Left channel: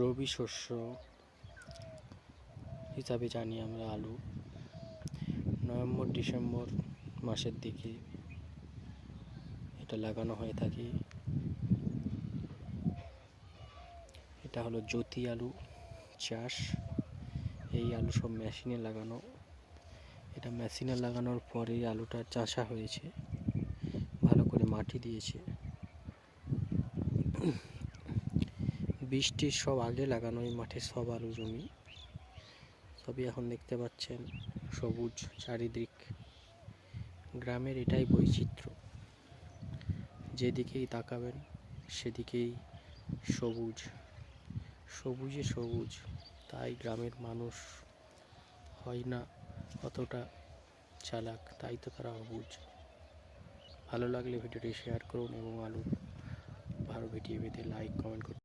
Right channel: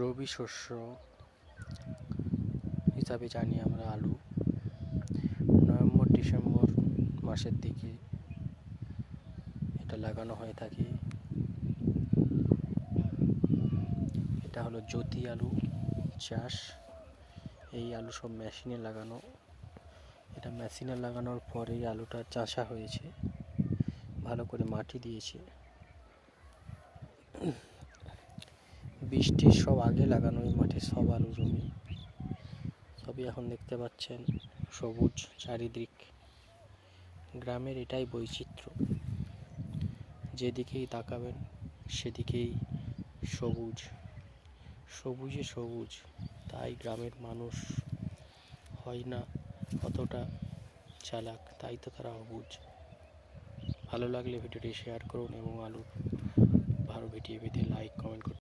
রবি শস্য হিসাবে জানি আমরা আলু। নভেম্বর ডিসেম্বর মাসের দিকে এটা লাগানো হয়ে থাকে। এটা হলো জ্যোতি আলু চাষ। এই আলু সব মেশিনে লাগানো। এটা মেশিনে লাগানোর পরে আলুটা চাষা হয়েছে, ভালো করে মাটি দিয়েছে। বৃষ্টির সব আগে লাগানো এই মাঠে সব আলু জমি, সবই এখন দেখতে পাচ্ছেন সবুজ চারিদিক। গ্রামের এটাই বৈচিত্র্য, যেদিকেই তাকাবেন সেদিকেই সবুজ, সবুজে সবুজ। তাই গ্রামের মানুষ হয় না অতটা চালাক, তাই তো তারা অবুঝ। ভালো লাগলে ভিডিওটি শেয়ার করুন এবং আলুর ভালো ভিডিও পেতে লাইক কমেন্ট করুন।